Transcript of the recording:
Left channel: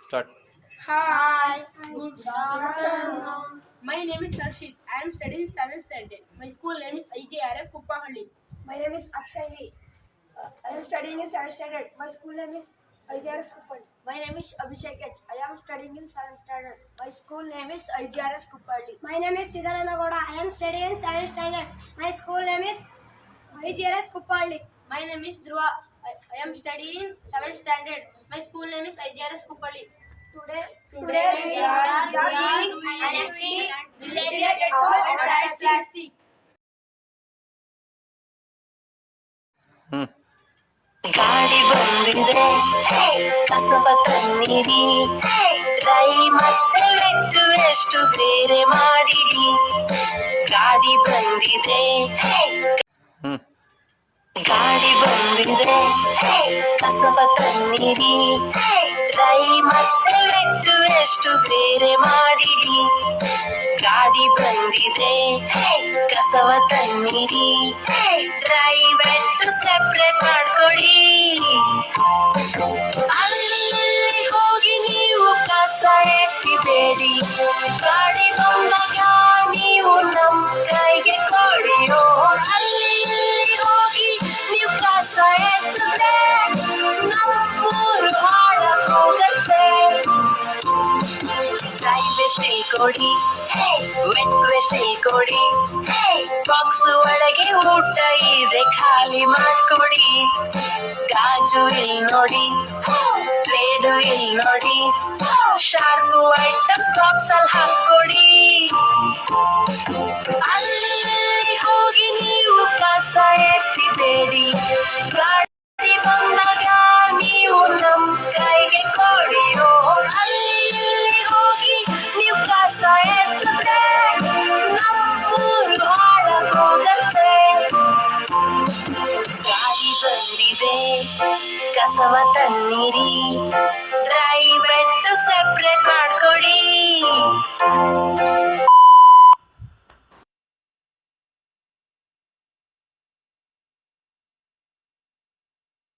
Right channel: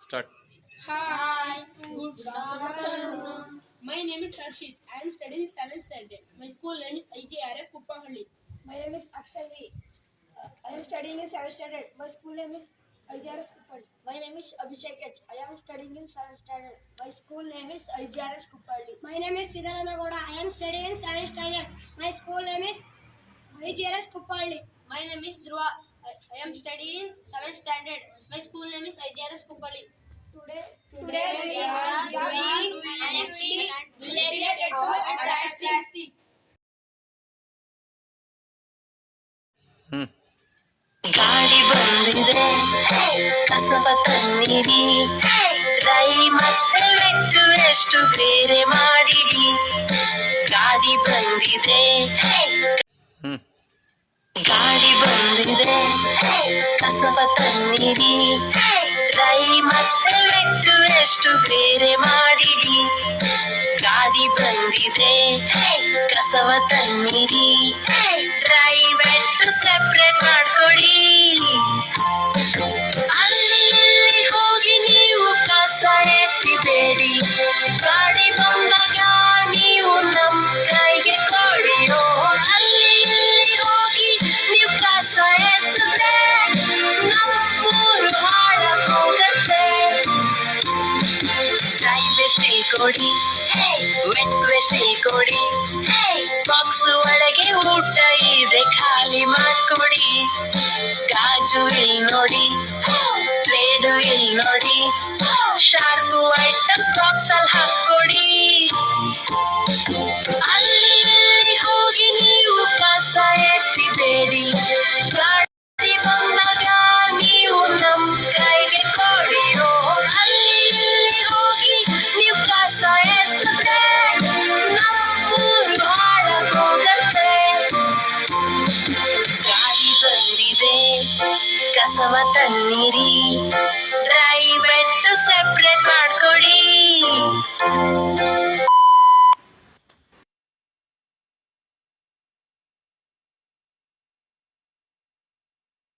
Start. Hi. Good afternoon. My name is Harshit. I am studying 7th standard. My school name is IJRS Kuppahalli. My name is Akshay V. I am studying in 7th standard. My school name is IGRS Kuppadi. My name is Abhishek H. I am studying in 7th standard. My school name is IGRS Kuppadi. My name is Chidananda Goda. I am studying in 7th standard. My school name is IGRS Kuppalli. My name is Dhruva. I am studying 7th standard. My school name is IGRS Kuppalli. Today we are doing an activity related to plastic. ಗಾಳಿ ಬಂದಿದೆ ಕಸವ ತನ್ನಿರಿ ರೈ ಮತ್ತೆ ವೆಟ್ಟು ಎಷ್ಟು ಬೇರೆ ಮಾಡಿರಿ ಗಾಡಿ ಬಂದಿದೆ ಗಾಡಿ ಬಂದಿದೆ ಕಸವ ತನ್ನಿರಿ ರೈ ಮತ್ತೆ ವೆಟ್ಟು ಎಷ್ಟು ಬೇರೆ ಮಾಡಿರಿ ಗಾಡಿ ಬಂದಿದೆ ಕಸವ ತನ್ನಿರಿ ರೈ ವೆಟ್ಟು ಸೆಪ್ರೇಟ್ ಮಾಡ್ಕೊಡಿ ಅಲ್ಲಿ ಹೋಗಿ ನೀವು ಕಸ ಎಸಿಬೇಡಿ ಗಾಡಿ ಬಂದಾಗ ನೀವು ನಮ್ ಕೈಗೆ ಕೊಡಿಯೋ ಅಲ್ಲಿ ಹೋಗಿ ನೀವು ಕಸ ಎಸಿದ್ರೆ ನಮ್ಮೂರು ಹಾಳಾಗೋಗತ್ತೆ ಡ್ರೈ ವೇಸ್ಟ್ ಕೊಡಿ ವೆಟ್ ವೇಸ್ಟ್ ಕೊಡಿ ಬಾಕ್ಸ್ ಒಳಗೆ ಊಟ ಇದೆ ಖಾಲಿ ಮಾಡ್ಕೊಡಿ ಗಾಜು ಇಲ್ಲಿ ನೋಡಿ ಪ್ಲೇಡು ಇಲ್ಲಿ ನೋಡಿ ಶಾರ್ಪು ಐಟಮ್ಸ್ ಬಾಕ್ಸ್ ಅಲ್ಲಿ ಹಾಕೊಡಿ